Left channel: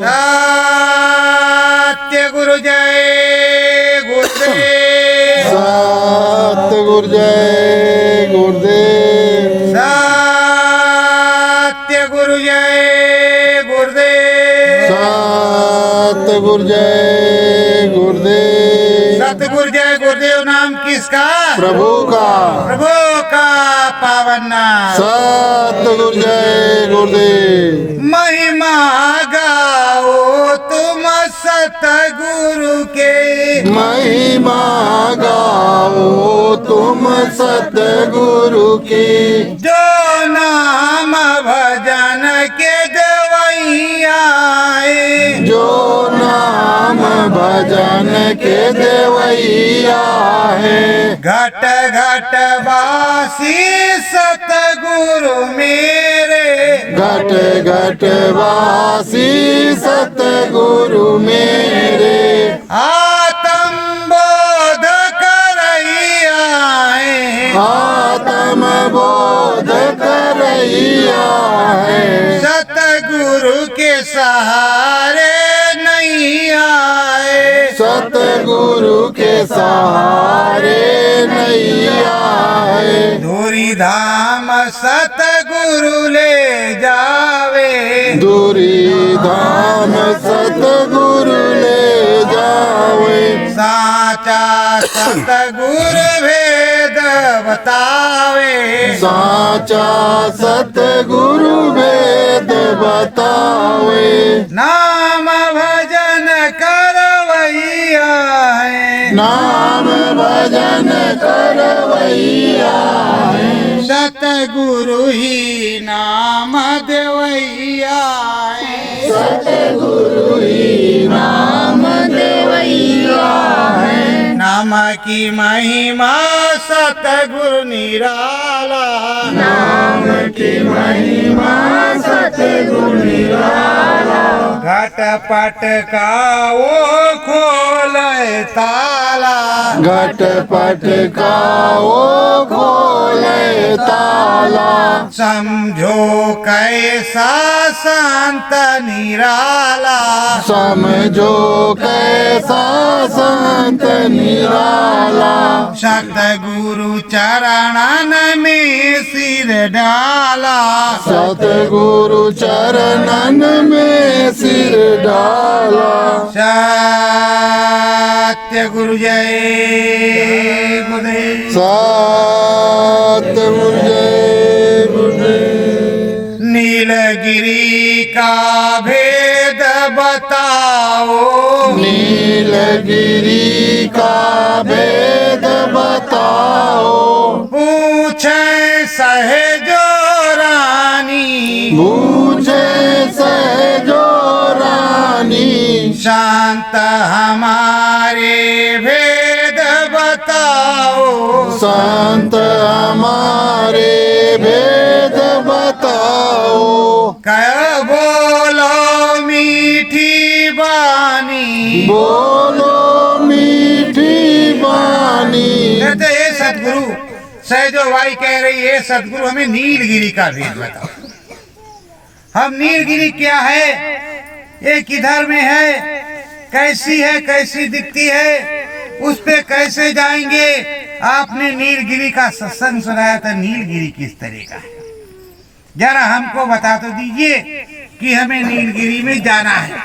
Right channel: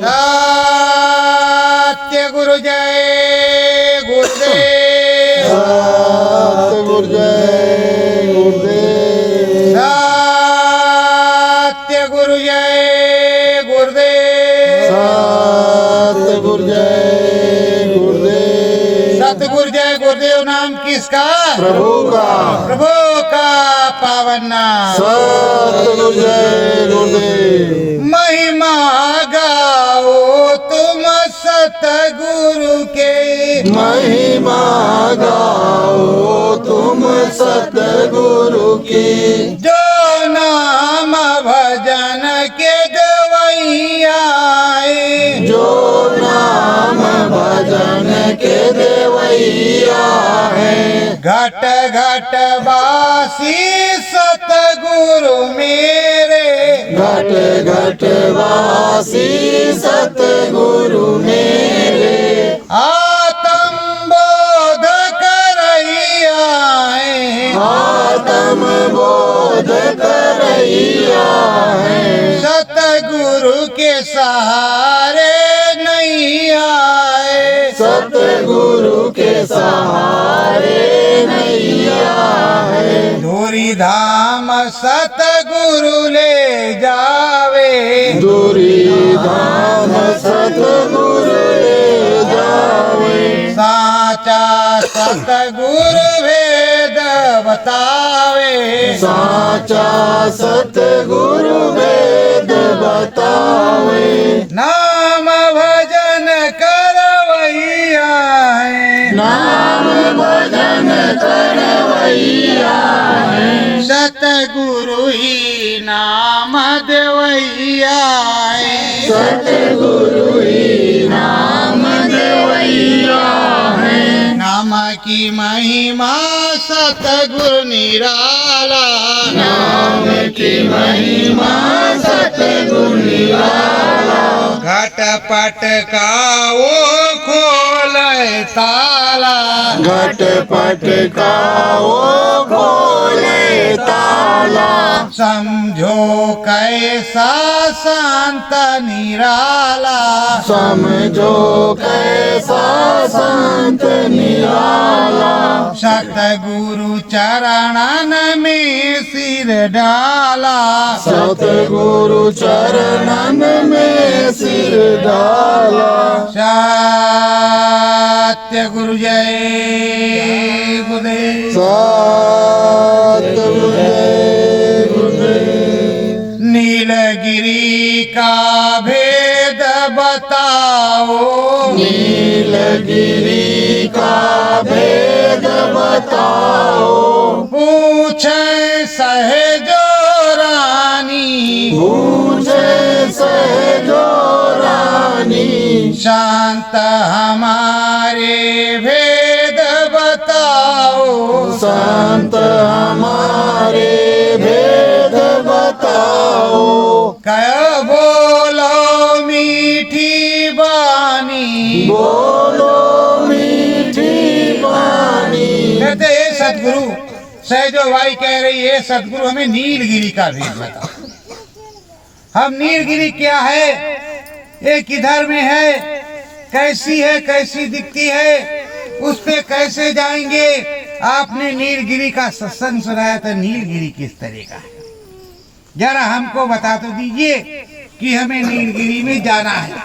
सत्य गुरु जय गुरुदेव। सत्य गुरु जय गुरुदेव। सत्य गुरु जय गुरुदेव। सत्य गुरु जय गुरुदेव। सतगुरु जय गुरुदेव नाम किसका? प्रभु का। प्रभु का पावन नाम। सत्य गुरु जय गुरुदेव। महिमा गाओ तुम सतगुरु के। महिमा गाओ तुम सतगुरु के। जो नाम भजन के देवैया है। जो नाम भजन के देवैया है। घट घट वासी सतगुरु मेरे। घट घट वासी सतगुरु मेरे। आत्म बोध करैया है। आत्म बोध करैया है। सतगुरु के सहारे नहीं आए। सतगुरु के सहारे नैया है। धूरी धाम सतगुरु ले जावे। दूरी धाम सतगुरु ले जावे। साचा सतगुरु भेद बतावे। साचा सतगुरु वेद बतावे। नाम भजन करवैया है। नाम भजन करवैया है। सतगुरु ही नाम देवैया है। सतगुरु ही नाम देवैया है। नाम की महिमा सतगुरु निराला। नाम की महिमा सतगुरु निराला। घट पट का वो खोले ताला। घट पट का वो खोले ताला। समझो कैसा संत निराला। समझो कैसा संत निराला। सतगुरु चरणन में सिर डाला। सतगुरु चरणन में सिर डाला। सत्य गुरु जय गुरुदेव। सत्य गुरु जय गुरुदेव। नीलगिरी का भेद बताओ। नीलगिरी का भेद बताओ। पूछे सहजो रानी। पूछे सहजो रानी। शांत हमारे भेद बताओ। संत हमारे भेद बताओ। कह बोलो मीठी बानी। बोलो मीठी बानी। कहते हे सतगुरु, सहजो भाई कह रही है सतगुरु हमें नीलगिरी का भेद बताओ। हम नीलगिरी क्या है, ये किधर में है, कैसी है, कैसी दिखती है, उस पे कैसे जाएंगे। आपने नीलगिरी का सत्संग सुनाया था, नीलगिरी किस तरह का है जरा हमको बता तो दीजिए कि हमें नीलगिरी में जाना है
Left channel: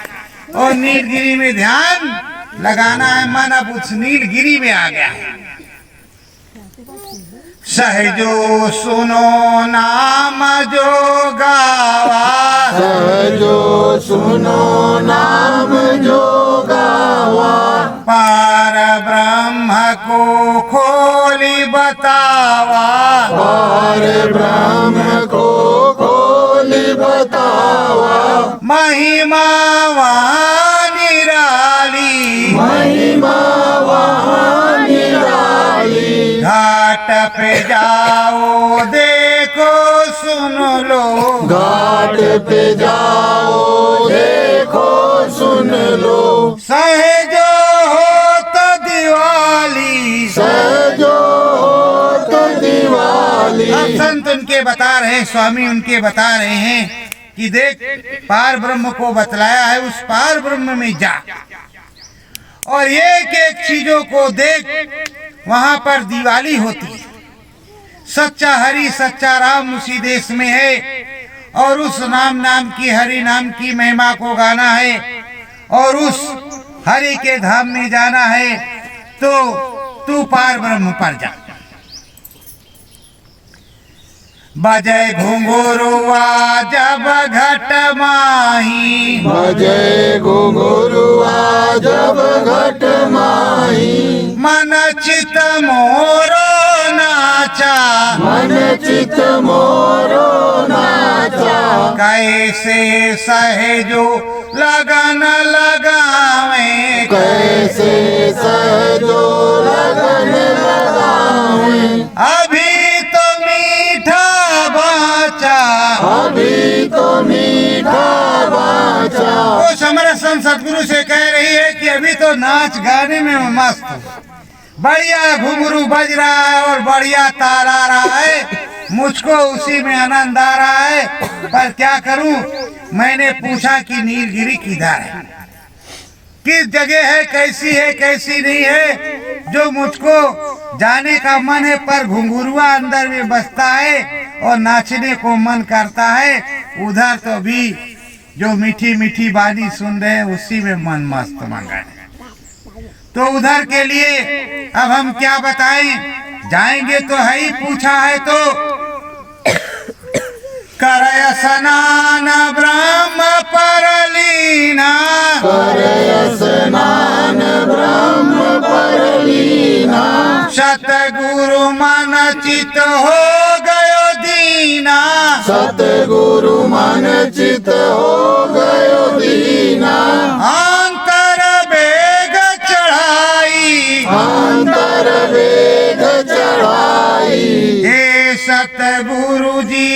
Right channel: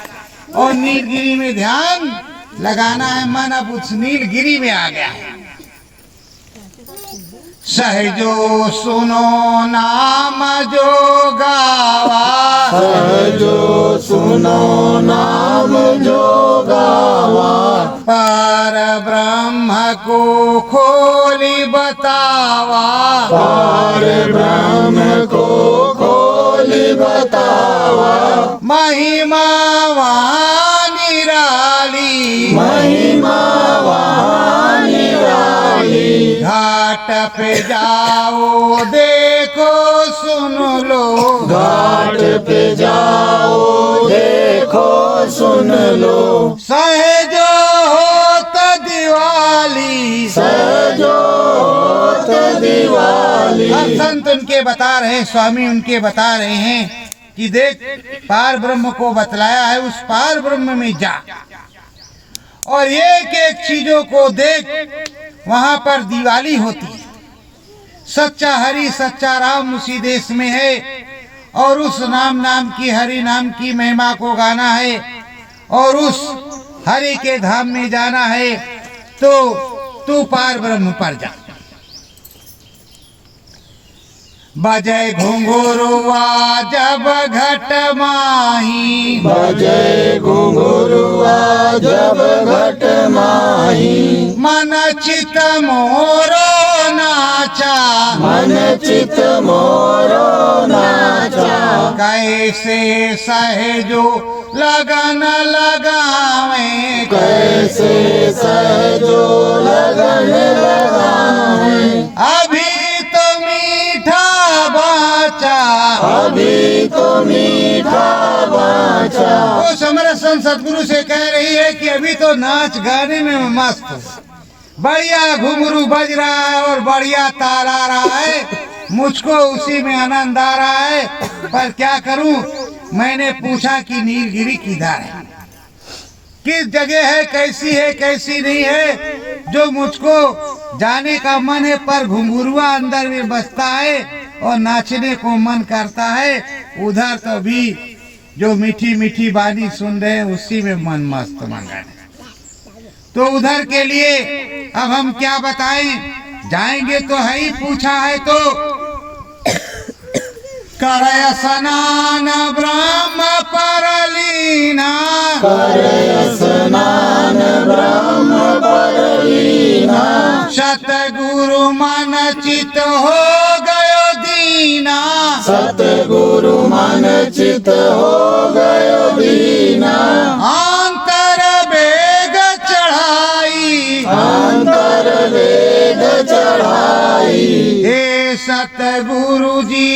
और नीलगिरी में ध्यान लगाना है। मन अब उस नीलगिरी में आ गया है। सहजो सुनो नाम जो गावा। सहजो सुनो नाम जो गावा। पार ब्रह्म को खोली बतावा। पार ब्रह्म को खोली बतावा। महिमा वहाँ निराली। महिमा वहाँ निराली। घाट पे जाओ देखो सुन लो। घाट पे जाओ देखो सुन लो। सहजो हो तो दिवाली। सहजो तो दिवाली। अब संत उनके बता रहे हैं, स्वामी उनके बता रहे हैं कि देख पार ब्रह्म को बतलाया है, उस पार ब्रह्म में जा और एक एक चीजों को देख। वहां पर दिवाली होती है। सच्चा हरि सच्चा राम उसी देश में है और उस नाम की हरि नाम की महिमा को गाना है और उस हरि के धाम में जाना है। तो तू पार ब्रह्म पर जा। बजय घुंघरुआ जब घट माही, बजय घुंघरुआ जब घट माही, मन चित मोरो नाचा, मन चित मोरो नाचा, कैसे सहजो लगन लगावे, कैसे सहजो लगन लगावे, अभी तो मीठा बाचा, अभी तो मीठा बाचा। वो समरथ संत सदगुरु से कह रही है कि अभी तो नाच गाने में मस्त हूँ, बढ़िया घुंघरू बज रहा है और बढ़िया ताल आ रहा है, मुझको उसी में आनंद आ रहा है। पर क्या करूं, मैंने पूछा कि नीलगिरी किधर है, किस जगह है, कैसी नहीं है, जो मुझको जाने का मन है पर घुंघरुआ अंदर में बसता है और नाचने को मन करता है। उधर तो भी जो मीठी मीठी बानी सुन रहे हैं उसी में मन मस्त मंगन है। तो उधर के लिए अब हम क्या बताएं, जाएंगे तो है ही, पूछा है तो करय स्नान ब्रह्म परलीना, करय स्नान ब्रह्म परलीना, सतगुरु मन चित हो गयो दीना, सतगुरु मन चित हो गयो दीना, अंतर वेग चढ़ाई, अंतर वेग चढ़ाई, हे सतगुरु जी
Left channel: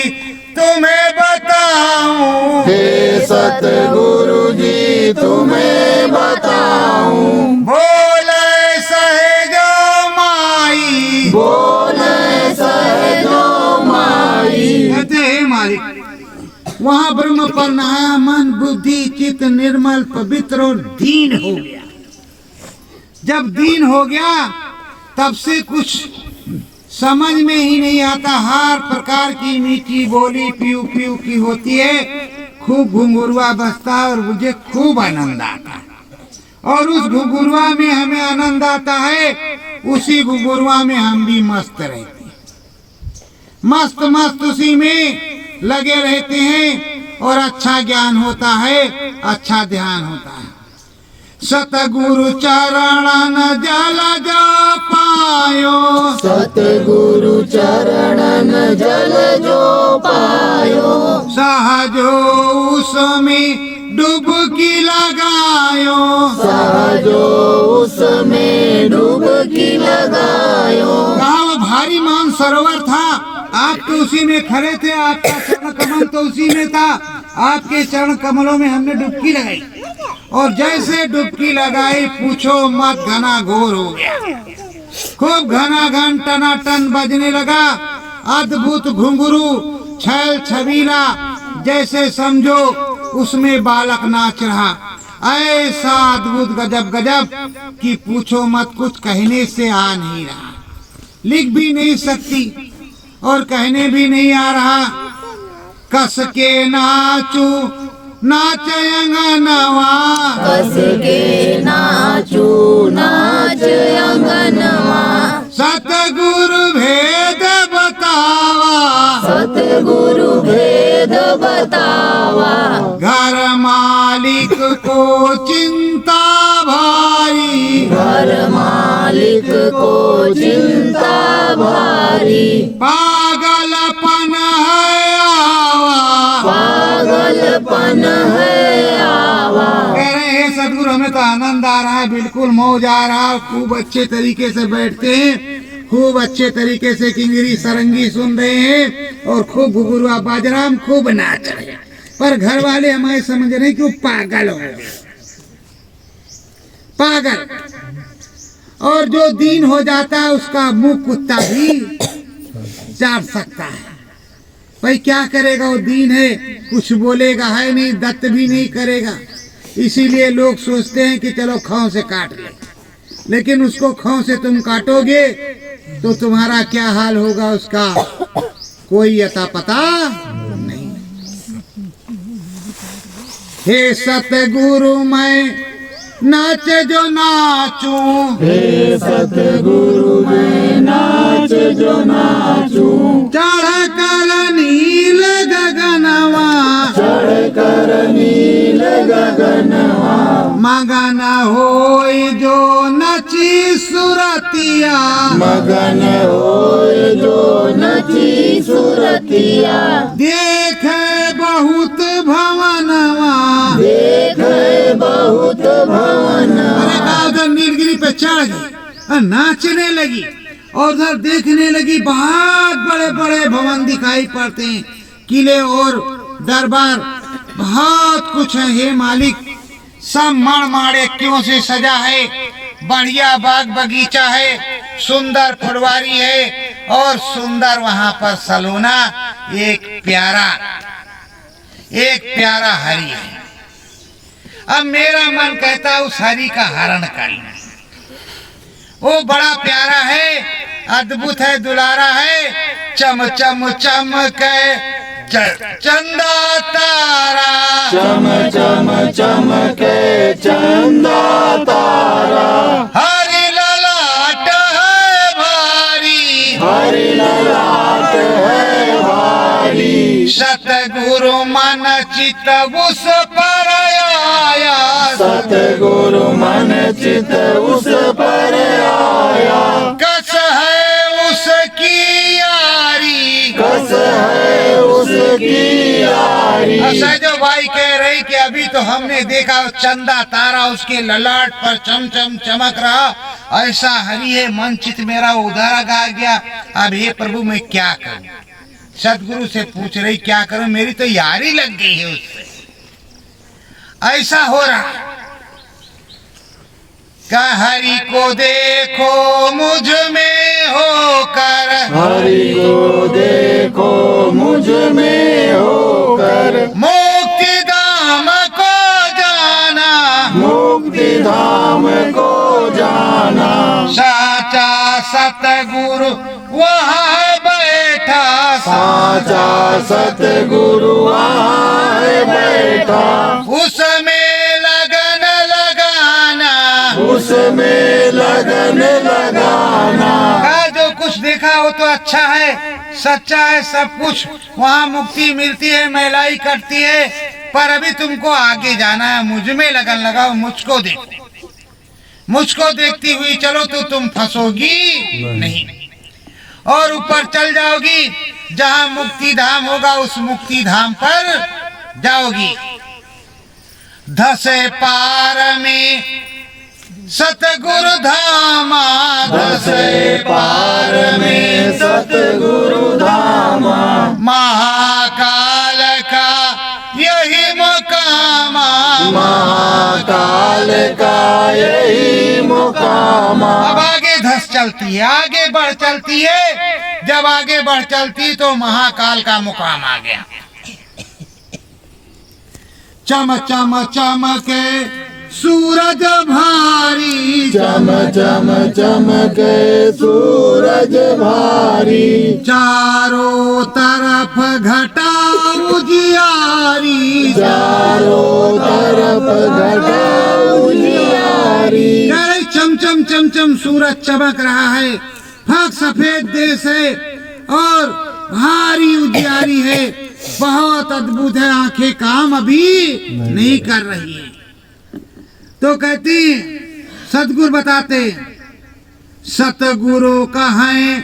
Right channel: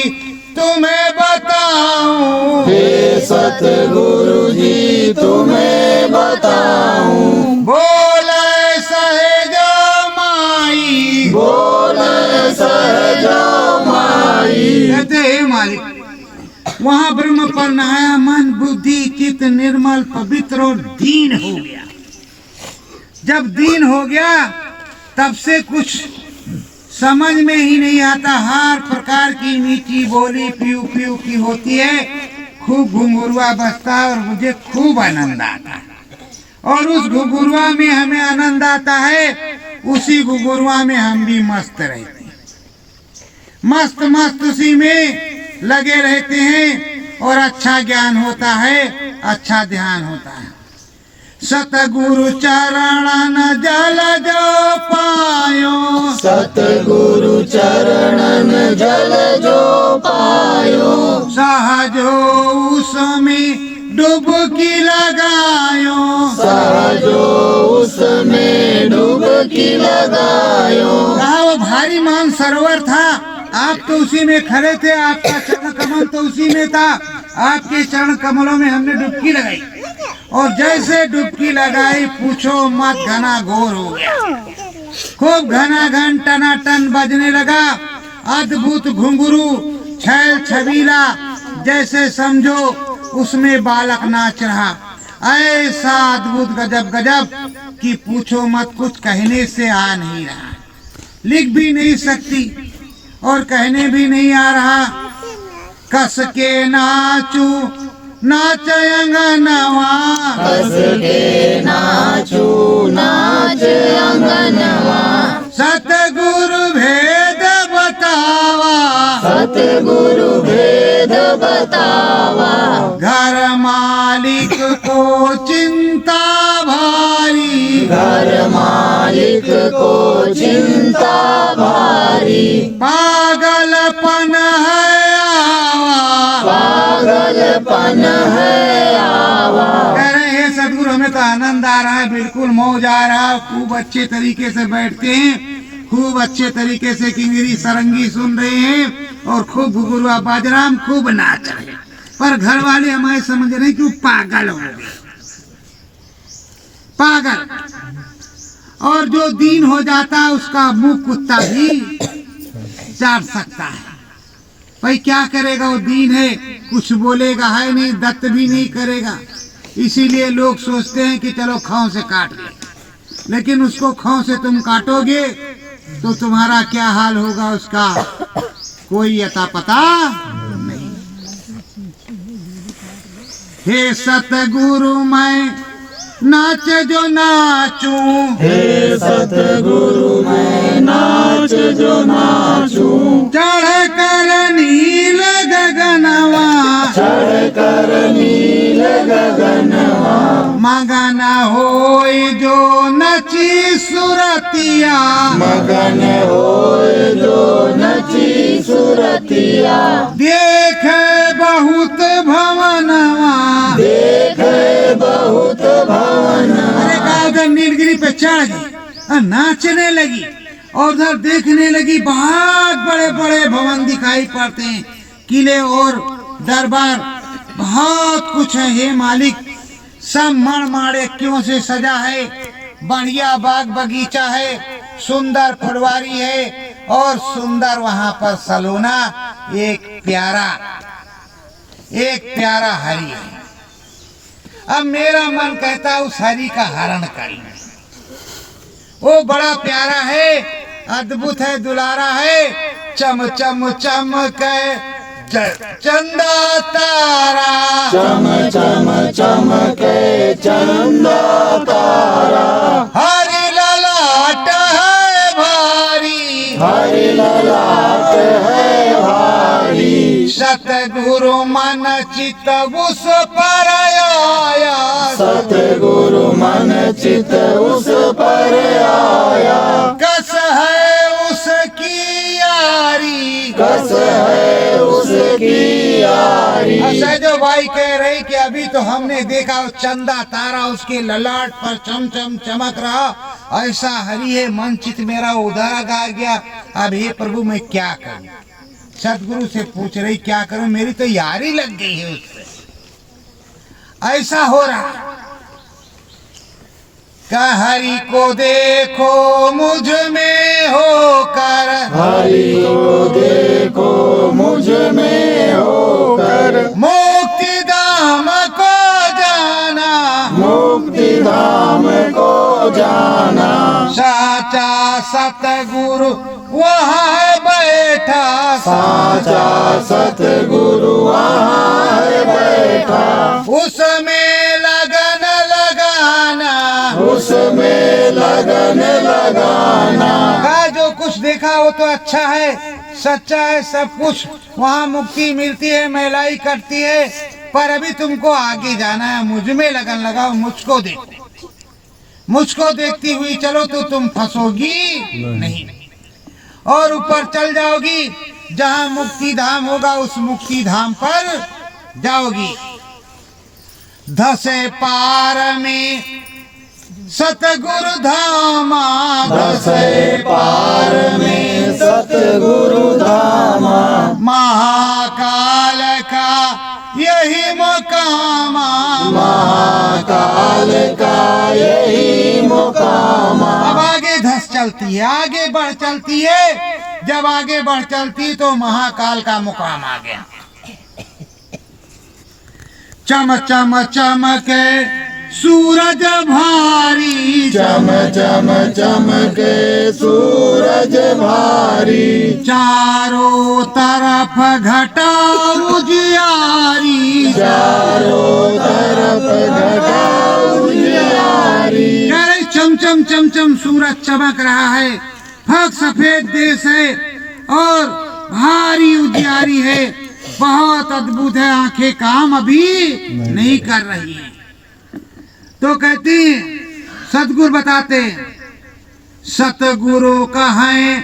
तुम्हें बताऊं, हे सतगुरु जी तुम्हें बताऊं, बोले सहजो माई, बोले सहजो माई। कहते हे मालिक, वहाँ ब्रह्म पर नहाया, मन बुद्धि चित्त निर्मल पवित्र और दीन हो गया। जब दीन हो गया तब से कुछ समझ में ही नहीं आता, हर प्रकार की मीठी बोली प्यू प्यू की होती है, खूब घुंघरुआ बजता है और मुझे खूब आनंद आता है। और उस घुंघरुआ में हमें आनंद आता है, उसी घुंघरुआ में हम भी मस्त रहते हैं, मस्त मस्त उसी में लगे रहते हैं और अच्छा ज्ञान होता है, अच्छा ध्यान होता है। सतगुरु चरणन जल जो पायो, सतगुरु चरणन जल जो पायो, सहजो उसमें डुबकी लगायो, सहजो उसमें डुबकी लगायो। कहा वो भारी मान सरोवर था, आप तो उसी में खड़े थे, आपका चरण कमल तो उसी में था, आपके चरण कमलों में हमने डुबकी लगाई और जैसे डुबकी लगाई पूछो मत, घना घोर हो गया, खूब घना घन टनाटन बजने लगा। अद्भुत घुंघरू छैल छबीला, जैसे समझो उसमें बालक नाच रहा, ऐसा अद्भुत गजब गजब कि पूछो मत, कुछ कहने से आ नहीं रहा, लिख भी नहीं सकती और कहने भी नहीं आ रहा। कस के नाचू नाच अंगनवा, कस के नाचू नाच अंगनवा, सतगुरु भेद बतावा, सतगुरु भेद बतावा, घर मालिक को चिंता भारी, घर मालिक को चिंता भारी, पागलपन है आवा, पागलपन है आवा। कह रहे हैं सदगुरु हमें तो आनंद आ रहा है, बिल्कुल मौज आ रहा है, खूब अच्छे तरीके से बैठते हैं, खूब अच्छे तरीके से किंगरी सरंगी सुन रहे हैं और खूब घुंघरुआ बाजराम खूब नाच रहे हैं। पर घर वाले हमारे समझ रहे कि वो पागल हो गए, पागल। और जो दीन हो जाता है उसका मुंह कुत्ता भी चाट सकता है। भाई क्या करेगा, वो दीन है, कुछ बोलेगा है नहीं, दत्त भी नहीं करेगा। इसीलिए लोग सोचते हैं कि चलो खाओ से काट ले, लेकिन उसको खाओ से तुम काटोगे तो तुम्हारा क्या हाल होगा उसका कोई अता पता नहीं। हे सतगुरु मैं नाच जो नाचूं, हे सतगुरु मैं नाच जो नाचूं, चढ़ कर नील गगनवा, चढ़ कर नील गगनवा, मगन होय जो नची सुरतिया, मगन होय जो नची सुरतिया, देख बहुत भवनवा, देख बहुत भवन। अरे कहा उधर नीलगिरी पे चढ़ गई और नाचने लगी, और उधर देखने लगी बहुत बड़े बड़े भवन दिखाई पड़ते हैं, किले और दरबार, बहुत कुछ है। हे मालिक, सब मणमाणिक्यों से सजा है, बढ़िया बाग बगीचा है, सुंदर फुलवारी है, और सुंदर वहां पर सलोना, एक प्यारा हरि है। अब मेरा मन कहता है उस हरि का हरण कर लें। वो बड़ा प्यारा है, अद्भुत है, दुलारा है, चम चम चमके चंदा तारा, चम चम चमके चंदा तारा, हरि ललाट है भारी, हरि ललाट है भारी, सतगुरु मन चित उस पर आया, सतगुरु मन चित उस पर आया, कस है उसकी यारी, कस है उसकी यारी। सहजो भाई कह रही कि अभी तो हमने देखा चंदा तारा उसके ललाट पर चम चम चमक रहा, ऐसा हरि है, मन चित मेरा उधर गा गया। अब हे प्रभु मैं क्या करूं? सतगुरु से पूछ रही क्या करूं, मेरी तो यारी लग गई है उससे, ऐसा हो रहा। का हरि को देखो मुझ में होकर, हरि को देखो मुझ में होकर, मुक्ति धाम को जाना, मुक्ति धाम को जाना, साचा सतगुरु वहाँ बैठा, साचा सतगुरु वहाँ बैठा, उसमें लगन लगाना, उसमें लगन लगाना। का जो कुछ देखा वो तो अच्छा है, सच्चा है सब कुछ, वहाँ मुक्ति मिलती है, महिलाई करती है, पर अभी तुमको आगे जाना है, मुझ में लगन लगाओ, मुझको देखो, मुझको देखती हुई चलो तो तुम फंसोगी नहीं, और ऊपर चल जाओगी, जहाँ मुक्ति धाम होगा उस मुक्ति धाम पर जाओगी। धसे पार में सतगुरु धामा, धसे पार में सतगुरु धामा, महाकाल का यही मुकामा, महाकाल का यही मुकामा। अब आगे धस चलती है, आगे बढ़ चलती है, जब आगे बढ़ चलती तो महाकाल का मुकाम आ गया। चम चम चमके सूरज भारी, चम चम चमके सूरज भारी, चारों तरफ घटा उजियारी, चारों तरफ घटा उजियारी। अरे चम चम चम चम सूरज चमक रहा है, फक सफेद देश है और भारी उजियारी है, बहुत अद्भुत है, आंखें काम अभी नहीं कर रही है। तो कहती सतगुरु बताते, सतगुरु कहें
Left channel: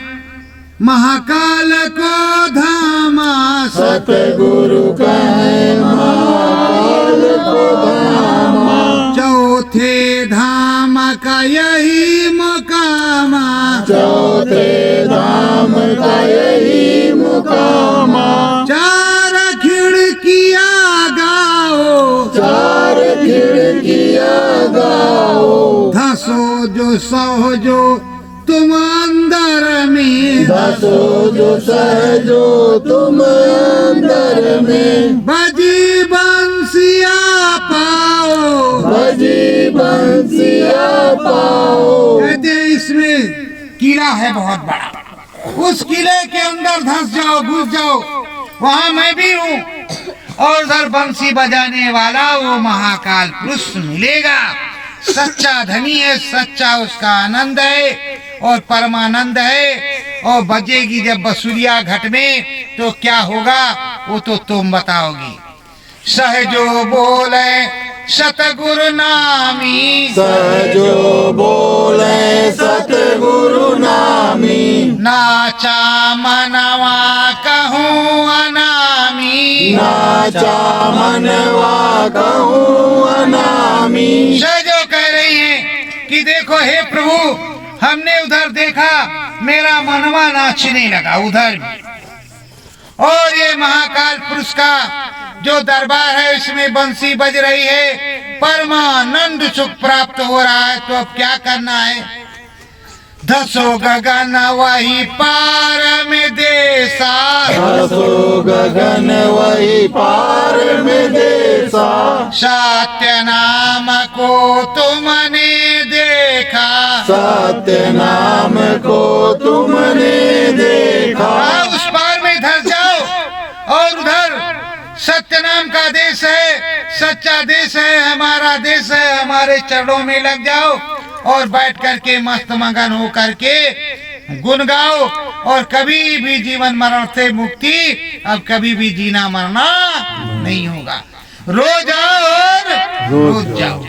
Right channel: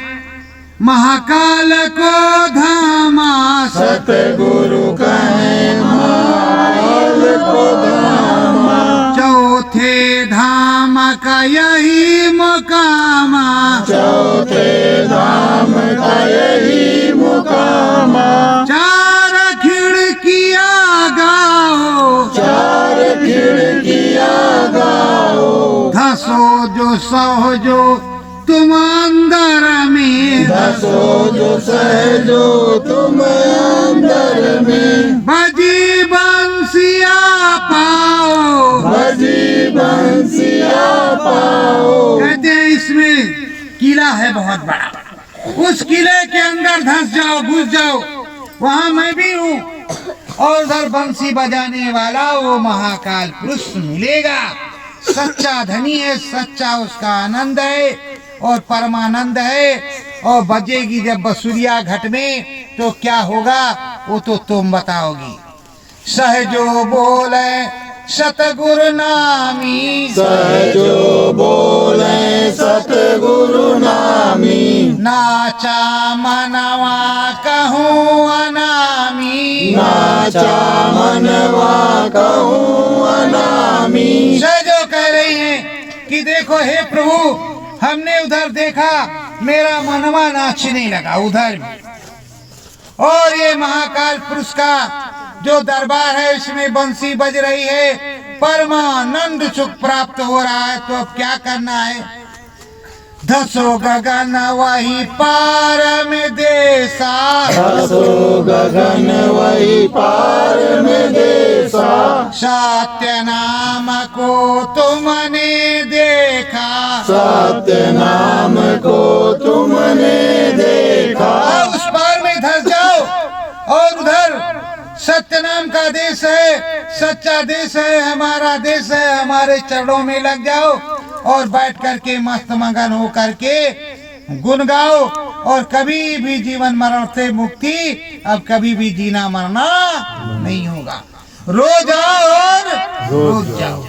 महाकाल को धामा, सतगुरु कहें महाकाल को धामा, चौथे धाम का यही मुकामा, चौथे धाम का यही मुकामा। चार खिड़कियां गाओ, चार खिड़कियां गाओ, धसो जो सहो जो तुम अंदर में, दसो जो सहजो तुम अंदर में, बजी बंसिया पाओ, बजी बंसिया पाओ। कहते हैं इसमें किला है बहुत बड़ा, उस किले के अंदर धंस जाओ, घुस जाओ, वहां मैं भी हूँ, और उधर बंसी बजाने वाला वो महाकाल पुरुष मिलेगा। सच्चा धनी है, सच्चा उसका आनंद है और परमानंद है। और बजेगी जब बसुरिया घट में तो क्या होगा वो तो तुम बताओगी। सहजो बोले सतगुरु नामी, सहजो बोले सतगुरु नामी, नाचा मनवा कहूँ अनामी, नाचा मनवा कहूँ अनामी। सहजो कह रही है कि देखो हे प्रभु, हमने उधर देखा, मेरा मनवा नाचने लगा उधर भी, और ये महाकाल पुरुष का जो दरबार है इसमें बंसी बज रही है, परमानंद सुख प्राप्त हो रहा है। तो अब क्या करना है? दसो गगन वही पार में देसा, दसो गगन वही पार में देसा, सत्य नाम को तुमने देखा, सत्य नाम को तुमने देखा। उस पार में धस जाओ, और उधर सत्य नाम का देश है, सच्चा देश है, हमारा देश है, हमारे चरणों में लग जाओ और बैठ करके मस्त मगन हो करके गुण गाओ, और कभी भी जीवन मरण से मुक्ति, अब कभी भी जीना मरना नहीं होगा। रो जाओ और रोज जाओ।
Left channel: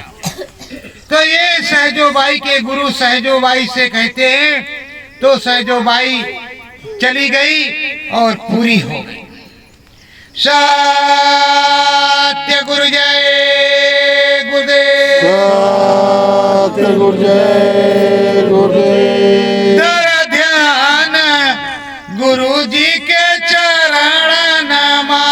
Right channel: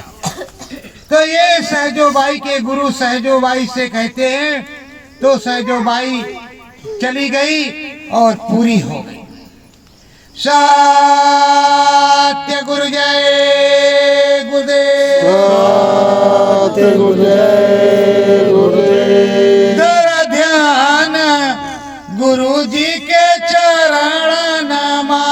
तो ये सहजोबाई के गुरु सहजोबाई से कहते हैं। तो सहजोबाई चली गई और पूरी हो गई। सत्य गुरु जय गुरुदेव, सत्य गुरु जय गुरुदेव। तेरा ध्यान गुरु जी के चरण नमा,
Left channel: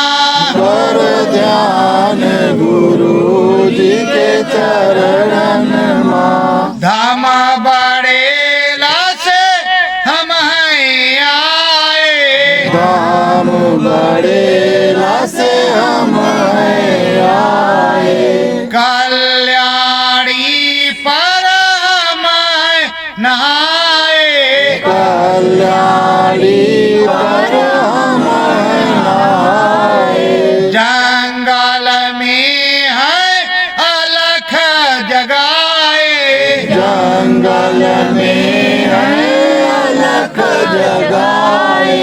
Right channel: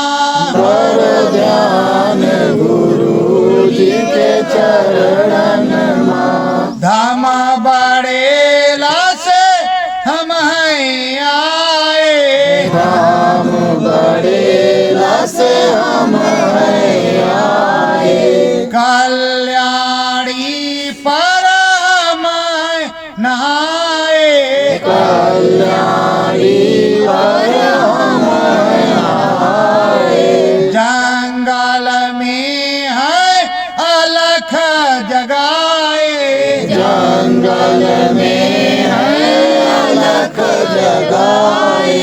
कर ध्यान गुरु जी के चरण मा। धामा बड़ेला से हम हैं आए, धाम बड़ेला से हम आए, कल्याणी पर हम नहाए, कल्याणी पर हम आए। जंगल में है अलख जगाए, जंगल में है अलख जगाए,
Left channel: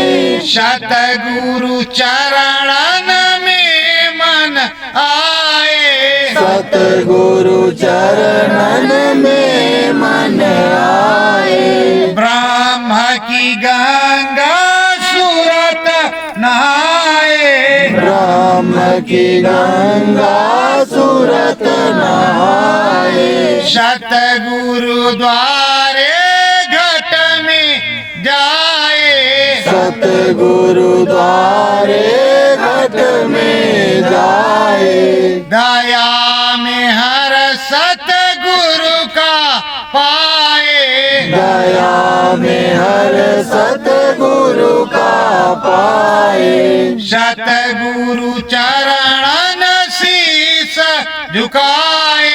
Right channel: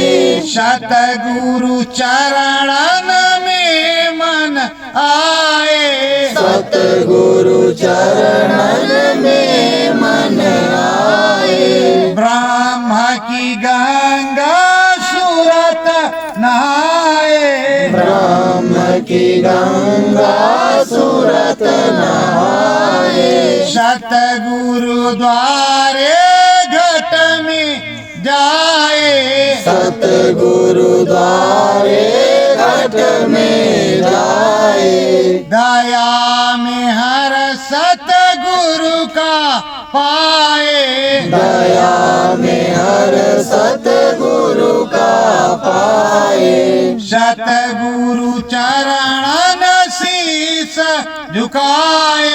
सतगुरु चरणन में मन आए, सतगुरु चरणन में मन आए। ब्रह्म की गंगा सूरत नहाए, ब्रह्म की गंगा सूरत नहाए, सतगुरु द्वारे घट में जाए, सतगुरु द्वारे घट में जाए। दया में हर सतगुरु का पाए, दया में हर सतगुरु का पाए, सतगुरु चरणन शीस झुकाए,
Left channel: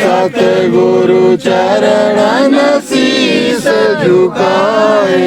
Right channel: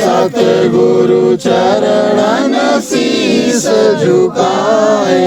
सतगुरु चरणन शीस झुकाए।